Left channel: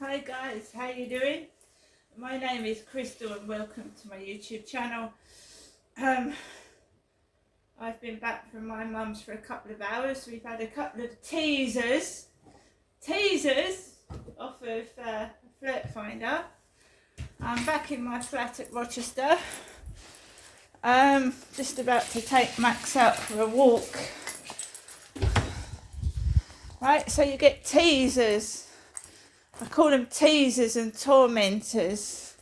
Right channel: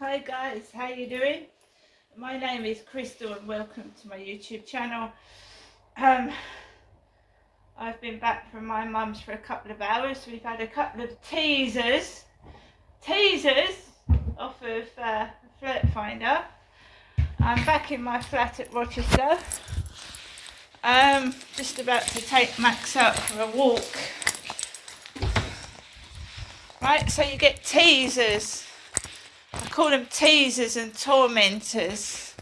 Hi guys, how you doing? My name is Crystal and welcome to my YouTube channel. I've been back from my mum's for a couple of hours. We've had a couple of teasers off of Flirt Finder. I'm back in my flat at Rochester. Just about to take Max out for a walk. Right, so you get teasers. I call them teasers and tormentors.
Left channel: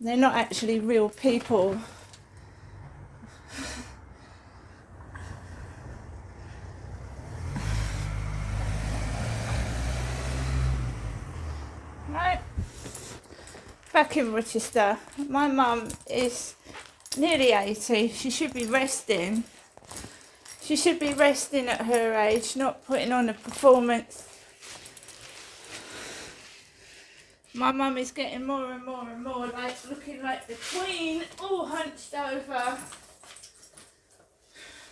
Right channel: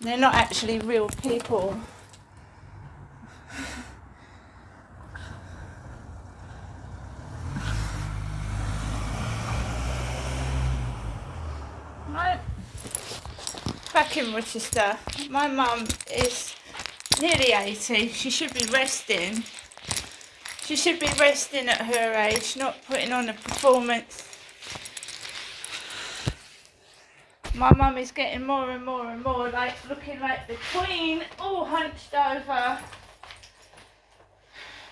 They're not actually real people. Right, back in Rochester. My mum is nearly 80. She should be resting. She should be resting at her age, not putting on a performance. My mum is getting more and more like looking like the Queen, all hunched over.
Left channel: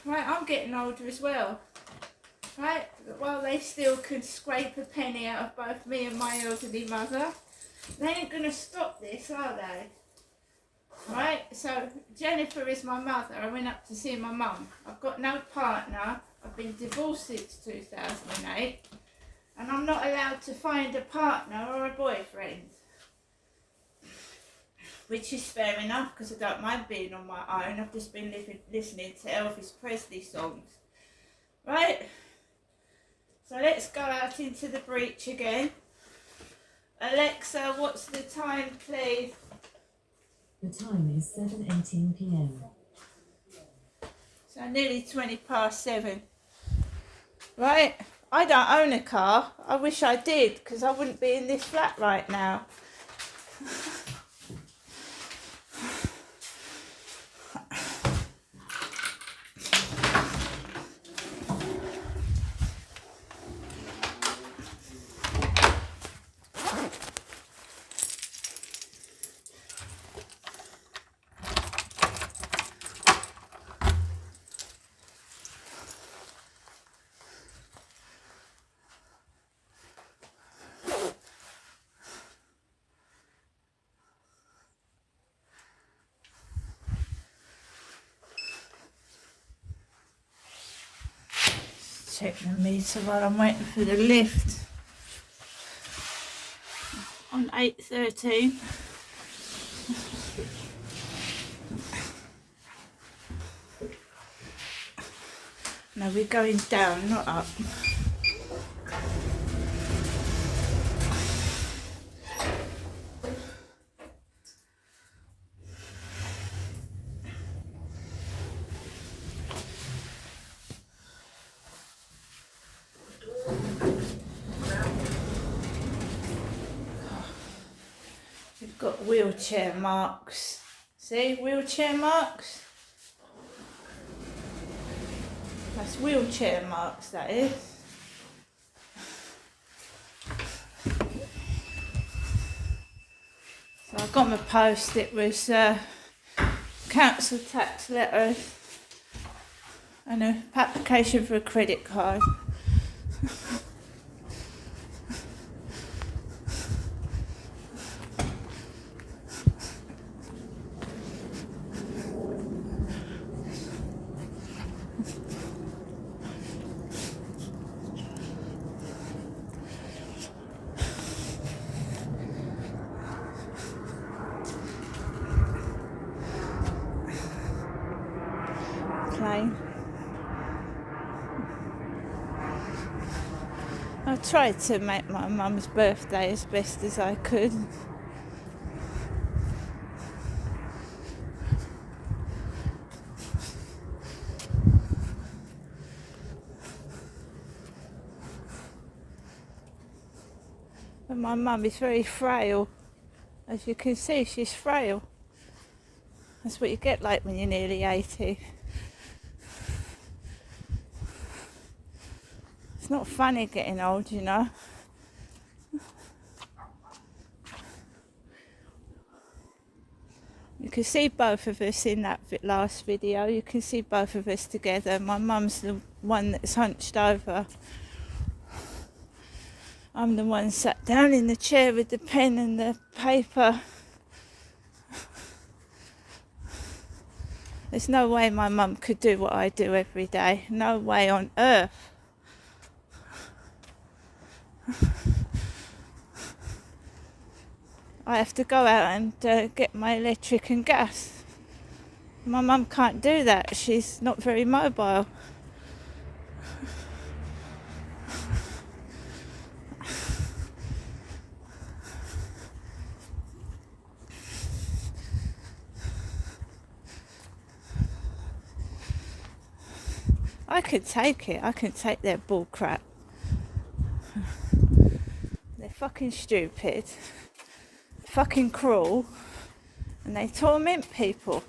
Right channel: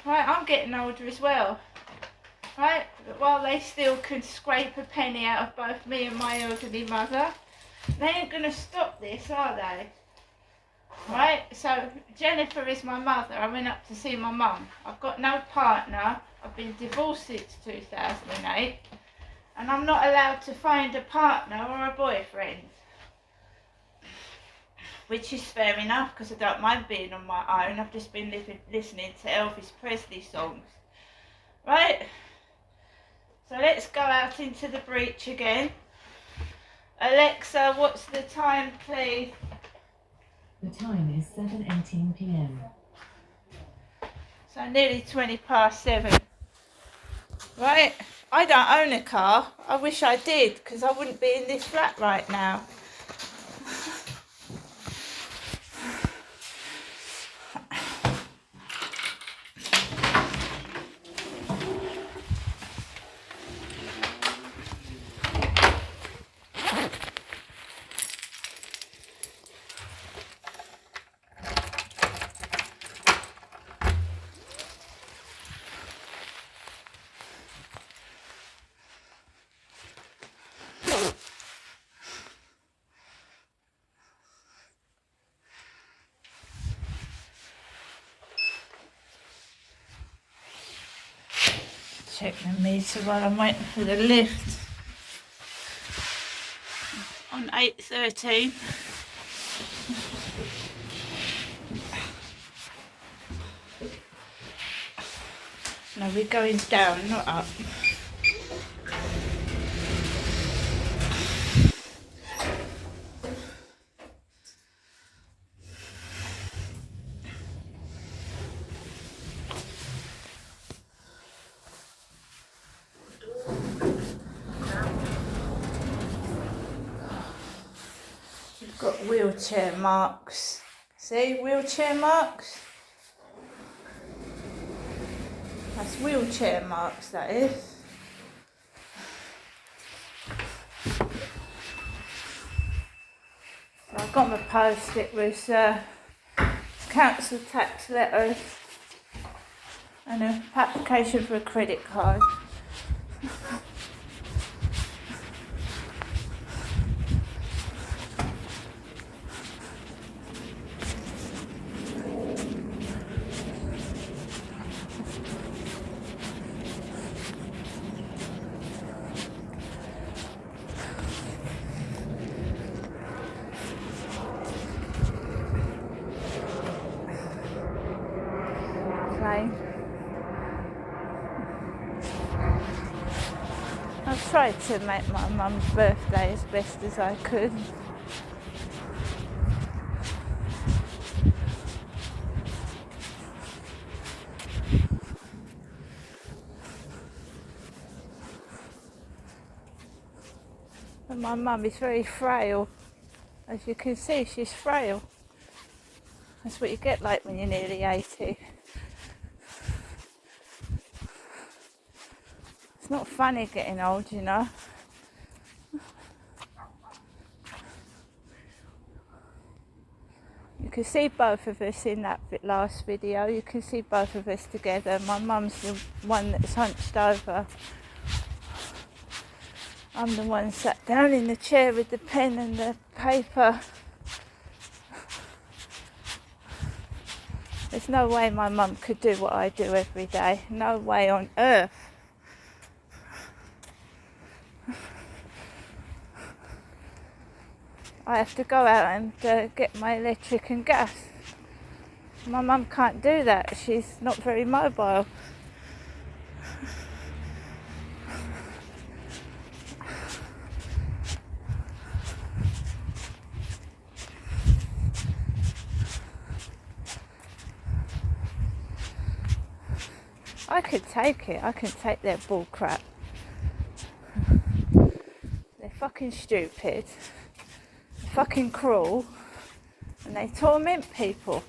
Right, I'm getting older as well. Right, but while they still can scrape a penny out of both me and my elderly mother, they ain't going to stop this, are they? Right, so Jennifer is my mother. I went up to see my mum. I've got no partner. I've been divorced since 2008. And I'm not allowed to find a partner or a boyfriend. Which is fair enough, because I don't mind being on my own. I've just been listening to Elvis Presley songs. Right? So let's go out into the breach again. Alexa, what's the time, please? The time is 7:18 p.m. So nearly 7:20. Right? I don't own a car. I wish I did, because I wouldn't be in this flat right now. Check the meter while I'm waiting for the lift. On 8:13. No, we're going down, not up. We've got wheelchair marks. See, wheelchair marks? That's wheelchair marks, that is. So I got my post, it was council tax letters and an application for a credit card. I tried to make my mum's birthday as best as I could. But my mum is very frail. As you can see, she's frail. That's what you get like when you're nearly 80. It's not funny getting old, you know. You can see both of us in that last video. You can see both of us together. My mum's the one that's hunched over. I'm the one sat down in the chair with the pen and the paper. There's no way my mum could do what I do every day. No way on earth. I have to go out and get my electric and gas. My mum can't do that. She's not very mobile. I could take it. I can take their bull crap. They're fucking stupid. They're fucking cruel. And they torment people.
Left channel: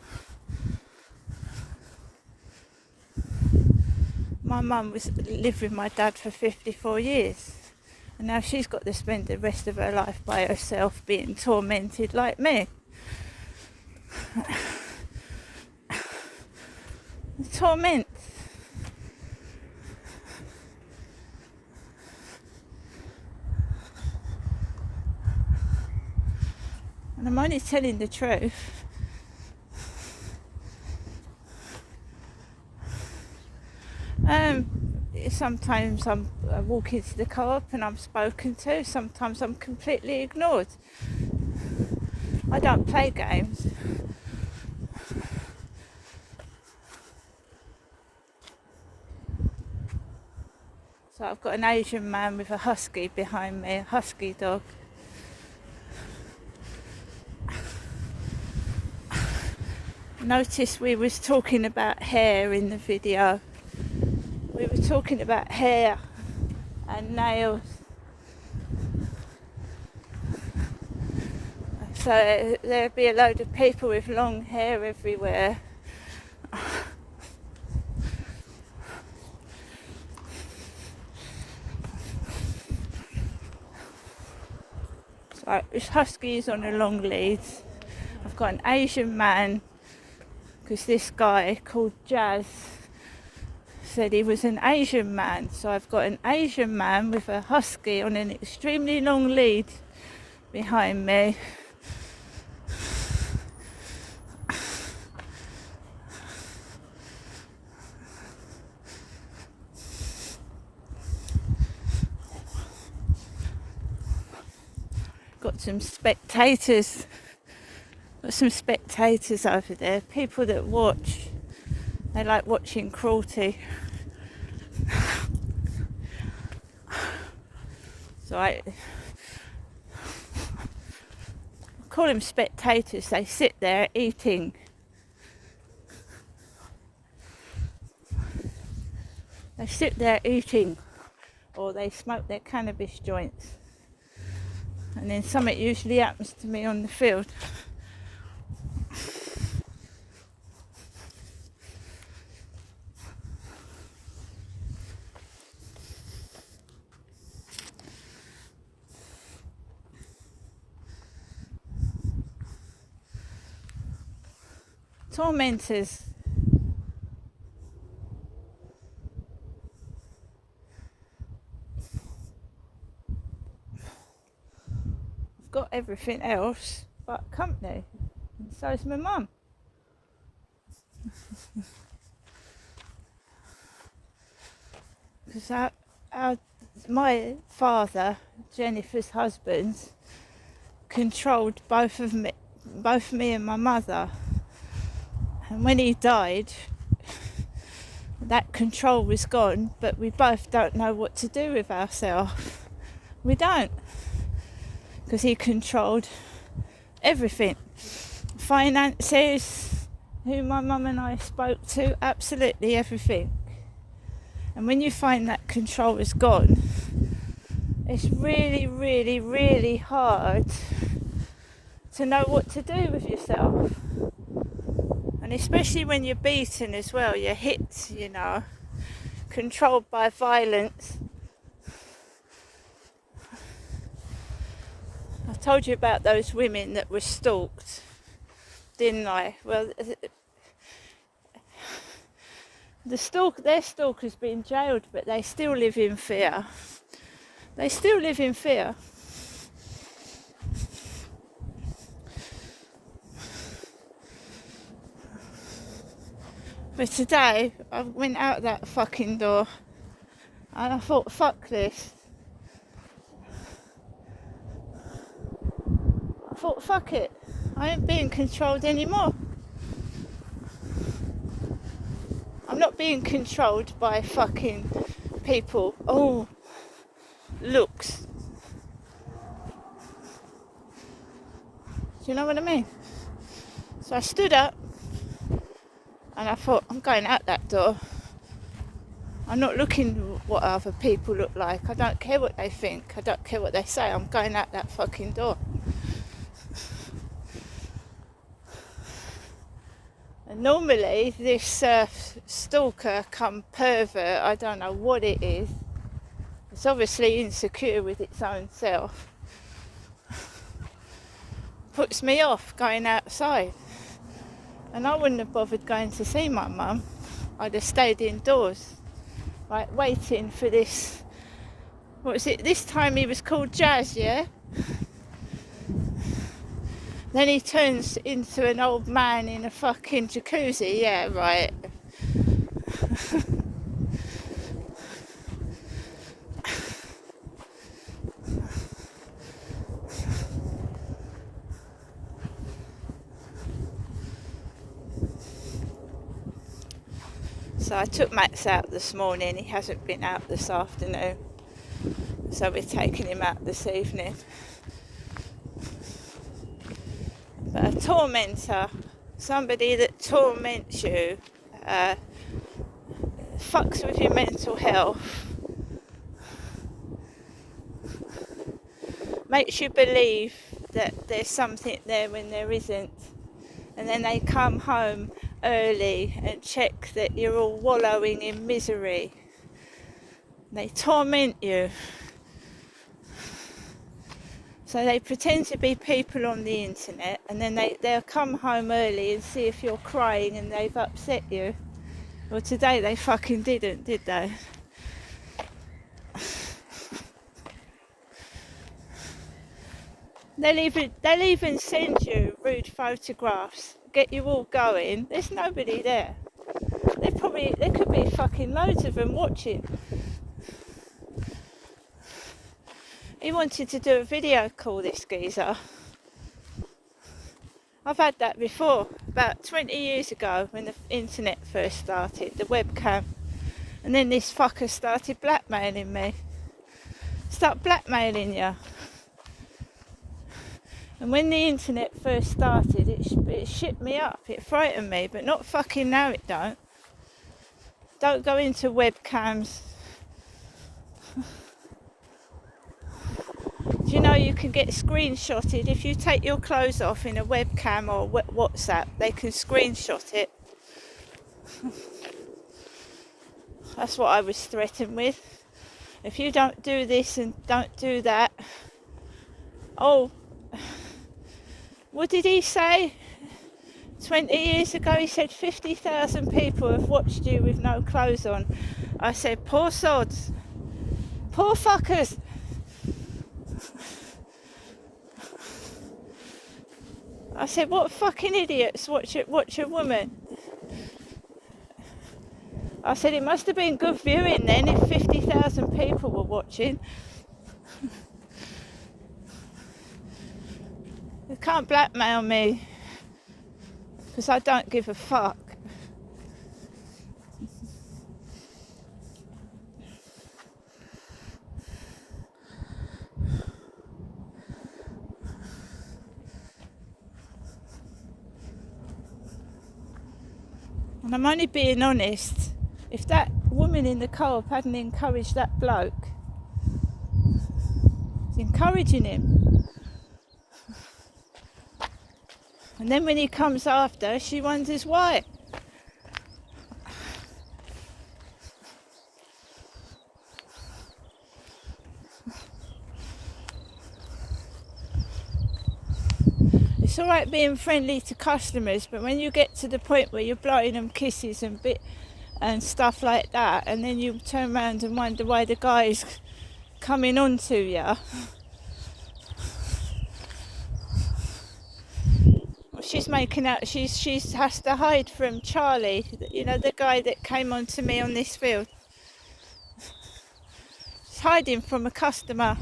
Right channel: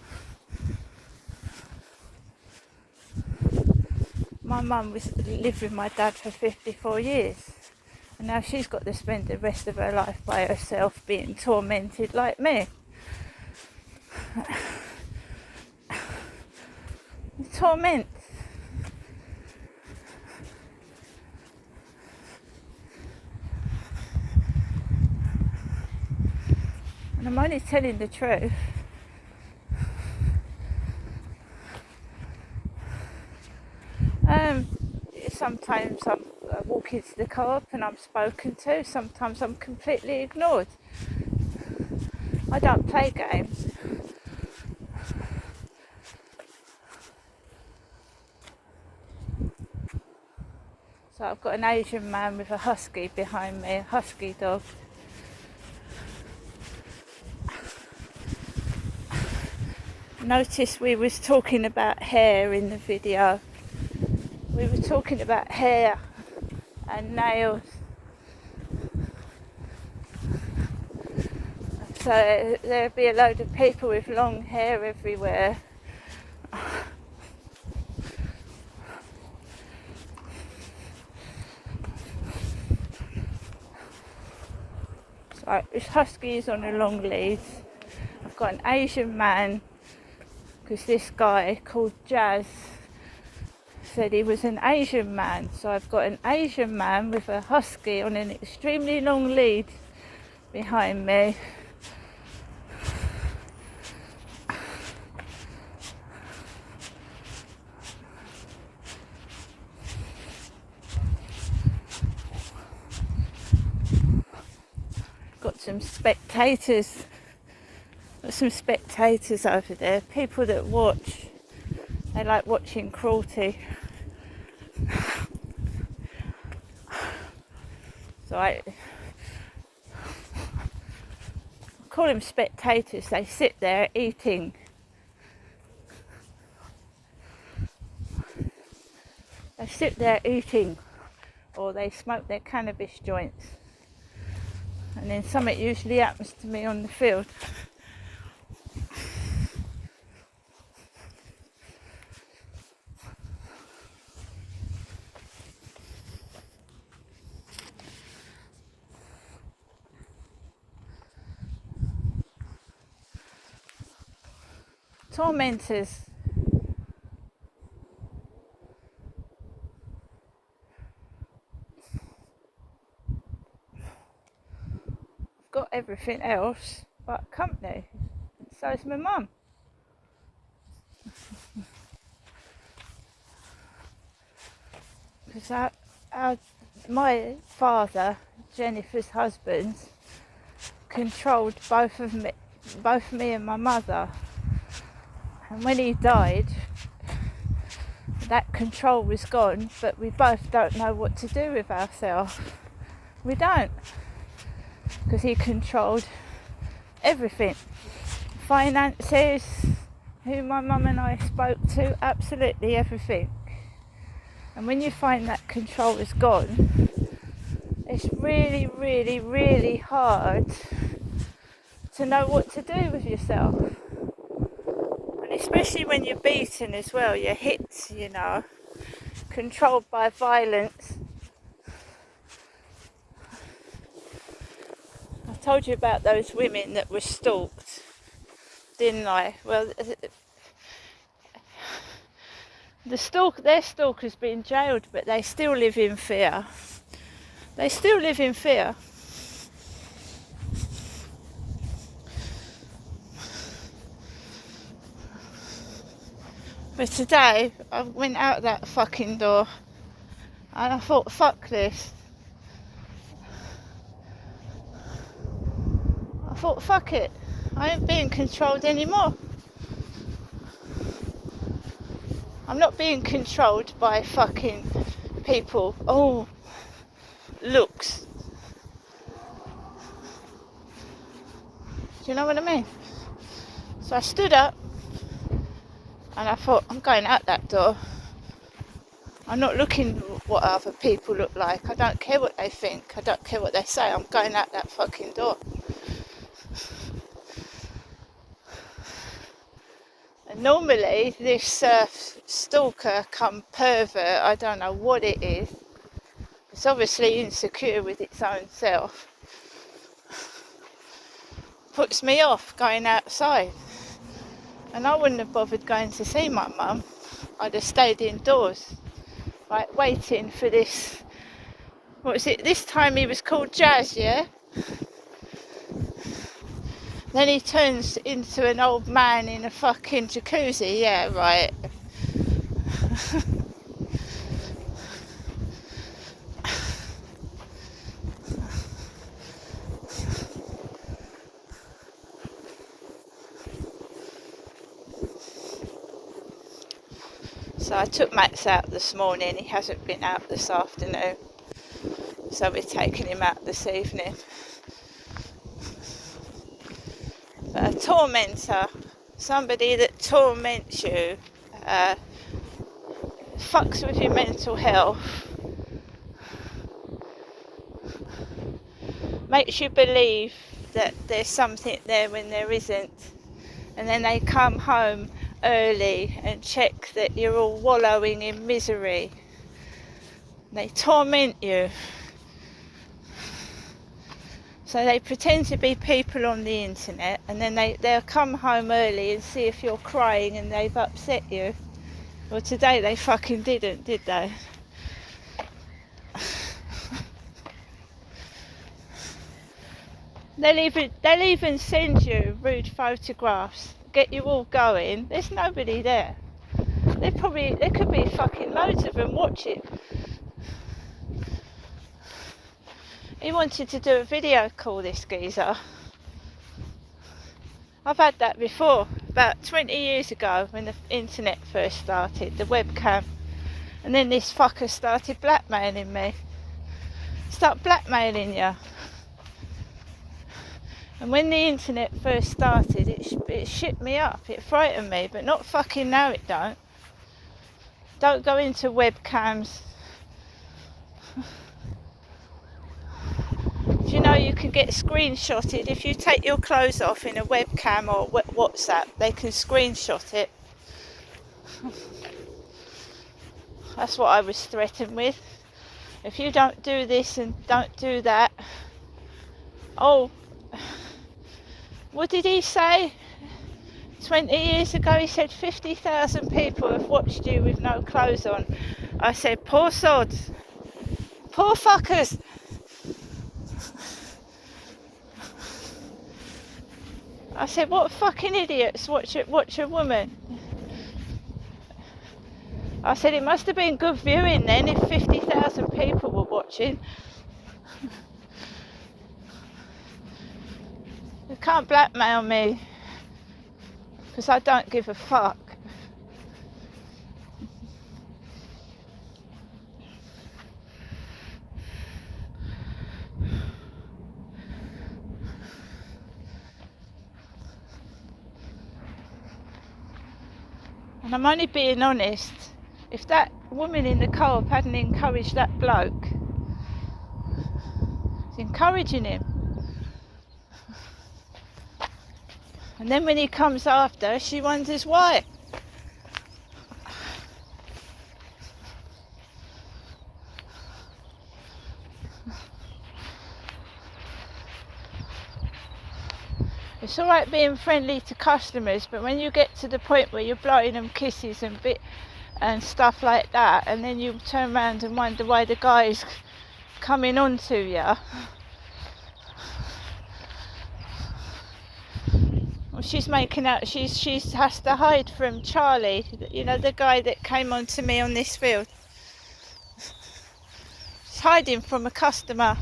My mum lived with my dad for 54 years. And now she's got to spend the rest of her life by herself being tormented like me. Torment. And I'm only telling the truth. Sometimes I walk into the co-op and I'm spoken to. Sometimes I'm completely ignored. I don't play games. So I've got an Asian man with a husky behind me, a husky dog. Notice we was talking about hair in the video. We were talking about hair and nails. So there'd be a load of people with long hair everywhere. So this husky is on a long lead. I've got an Asian man, because this guy called Jazz said he was an Asian man. So I've got an Asian man with a husky on an extremely long lead behind me. Got some spectators. Got some spectators over there. People that watch. They like watching cruelty. So I call them spectators. They sit there eating. They sit there eating, or they smoke their cannabis joints. And then something usually happens to me on the field. Tormentors. I've got everything else but company, and so is my mum. Because my father, Jennifer's husband, controlled both me and my mother. And when he died, that control was gone, but we both don't know what to do with ourselves. We don't. Because he controlled everything. Finances, who my mum and I spoke to, absolutely everything. And when you find that control is gone, it's really, really, really hard to know what to do with yourself. And especially when you're beaten as well, you're hit, you know, controlled by violence. I told you about those women that were stalked, didn't I? Well, their stalker's been jailed, but they still live in fear. They still live in fear. But today, I went out that fucking door and I thought, fuck this. I thought, fuck it. I ain't being controlled anymore. I'm not being controlled by fucking people. Oh, looks. Do you know what I mean? So I stood up and I thought, I'm going out that door. I'm not looking what other people look like. I don't care what they think. I don't care what they say. I'm going out that fucking door. And normally this stalker come pervert, I don't know what it is. It's obviously insecure with its own self. Puts me off going outside. And I wouldn't have bothered going to see my mum. I'd have stayed indoors, like waiting for this. What was it? This time he was called Jazz, yeah? Then he turns into an old man in a fucking jacuzzi, yeah, right. So I took Max out this morning. He hasn't been out this afternoon. So we're taking him out this evening. But a tormentor, somebody that torments you, fucks with your mental health, makes you believe that there's something there when there isn't, and then they come home early and check that you're all wallowing in misery. They torment you. So they pretend to be people on the internet, and then they'll come home early and see if you're crying and they've upset you. Well, today they fucking didn't, did they? They'll even send you rude photographs, get you all going. There's nobody there. There could be fucking loads of them watching. He wanted to do a video call, this geezer. I've had that before, about 20 years ago when the internet first started, the webcam. And then this fucker started blackmailing me. Start blackmailing you. And when the internet first started, it shit me up, it frightened me, but not fucking now it don't. Don't go into webcams. Do you know you can get screenshotted if you take your clothes off in a webcam or WhatsApp? They can screenshot it. That's what I was threatened with. If you don't do this and don't do that. Oh, what did he say? 20 years ago he said 50,000 people have watched you with no clothes on. I said, poor sods. Poor fuckers. I said, what fucking idiots watch a woman? I said, it must have been good viewing then if 50,000 people were watching. You can't blackmail me because I don't give a fuck. And I'm only being honest. If that woman in the co-op hadn't encouraged that bloke, it's encouraging him. And then when he comes after, she wonders why. It's all right being friendly to customers, but when you get to the point where you're blowing them kisses and stuff like that, and then you turn around and wonder why the guy's coming on to you. Well, she's making out she has to hide from Charlie, you know, the guy that came on to me on this field. She's hiding from a customer.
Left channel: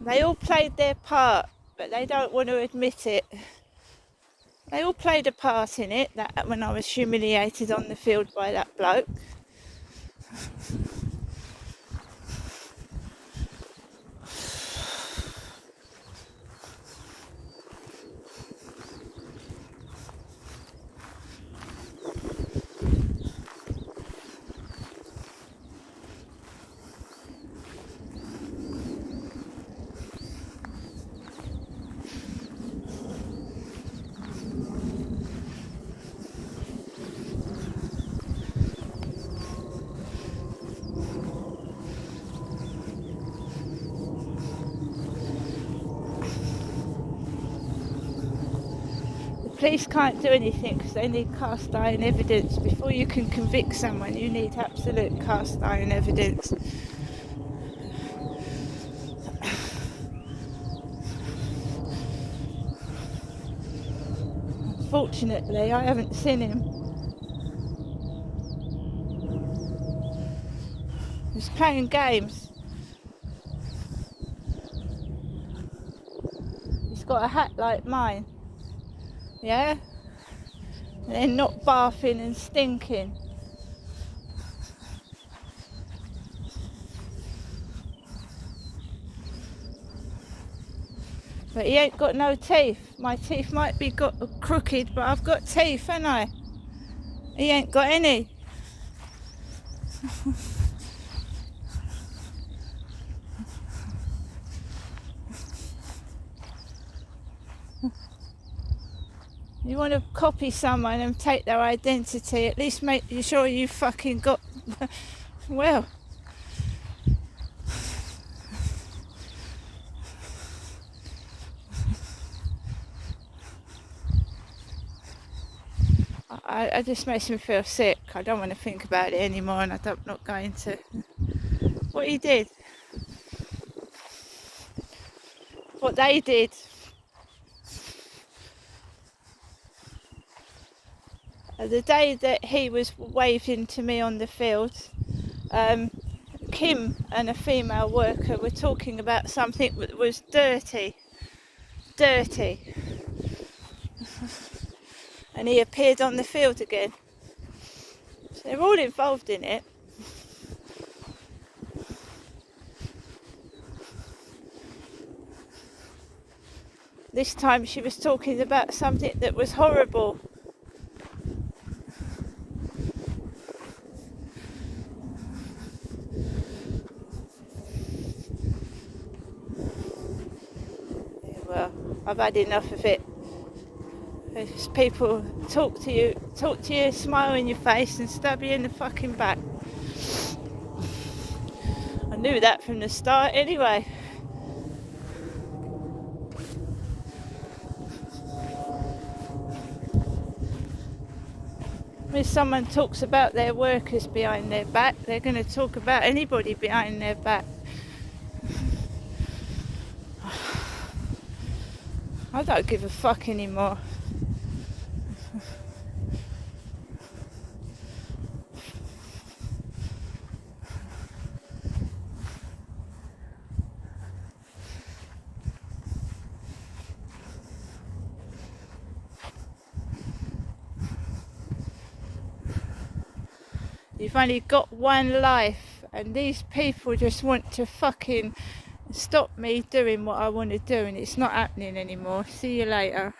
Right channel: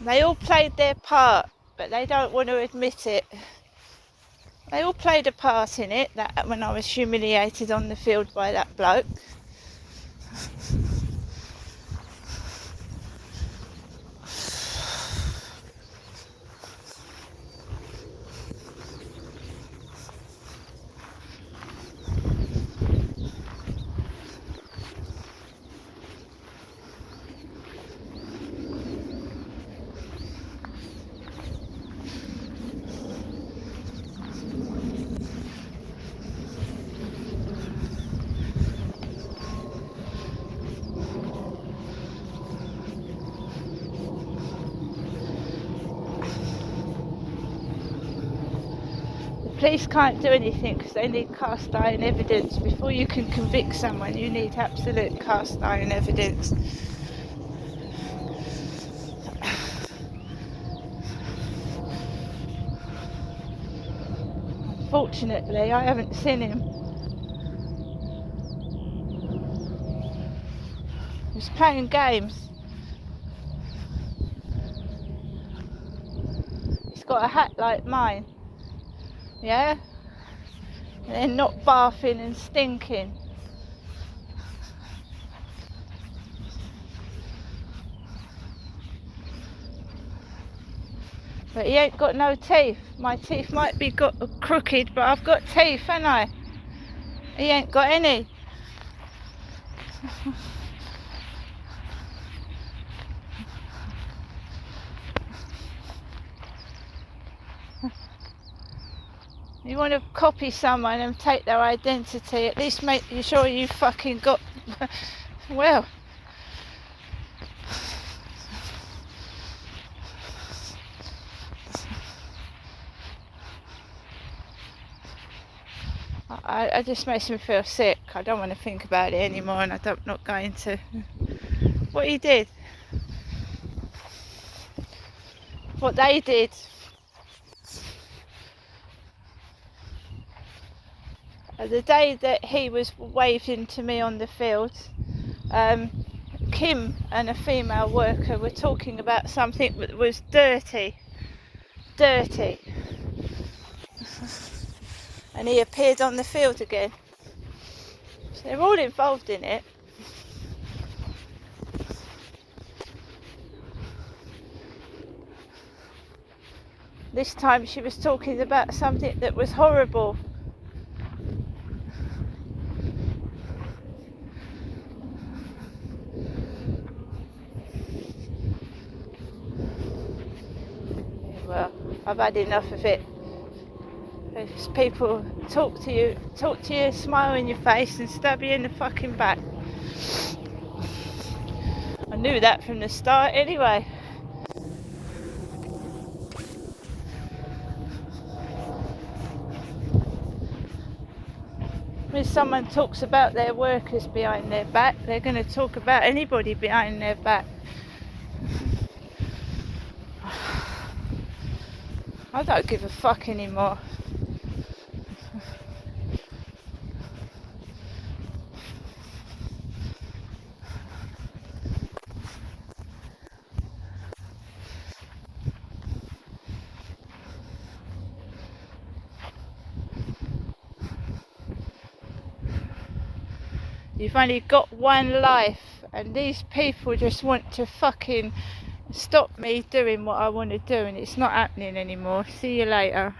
They all played their part, but they don't want to admit it. They all played a part in it, that when I was humiliated on the field by that bloke. Police can't do anything because they need cast iron evidence. Before you can convict someone, you need absolute cast iron evidence. Unfortunately, I haven't seen him. He's playing games. He's got a hat like mine. Yeah? And they're not bathing and stinking. But he ain't got no teeth. My teeth might be crooked, but I've got teeth, haven't I? He ain't got any. You want to copy someone and take their identity, at least make sure you fucking got, well. It just makes me feel sick. I don't want to think about it anymore, and I'm not going to. What he did. What they did. The day that he was waving to me on the field, Kim and a female worker were talking about something that was dirty. And he appeared on the field again. So they're all involved in it. This time she was talking about something that was horrible. Well, I've had enough of it. If people talk to you, smile in your face and stab you in the fucking back. I knew that from the start anyway. When someone talks about their workers behind their back, they're going to talk about anybody behind their back. I don't give a fuck anymore. You've only got one life, and these people just want to fucking stop me doing what I want to do, and it's not happening anymore. See you later.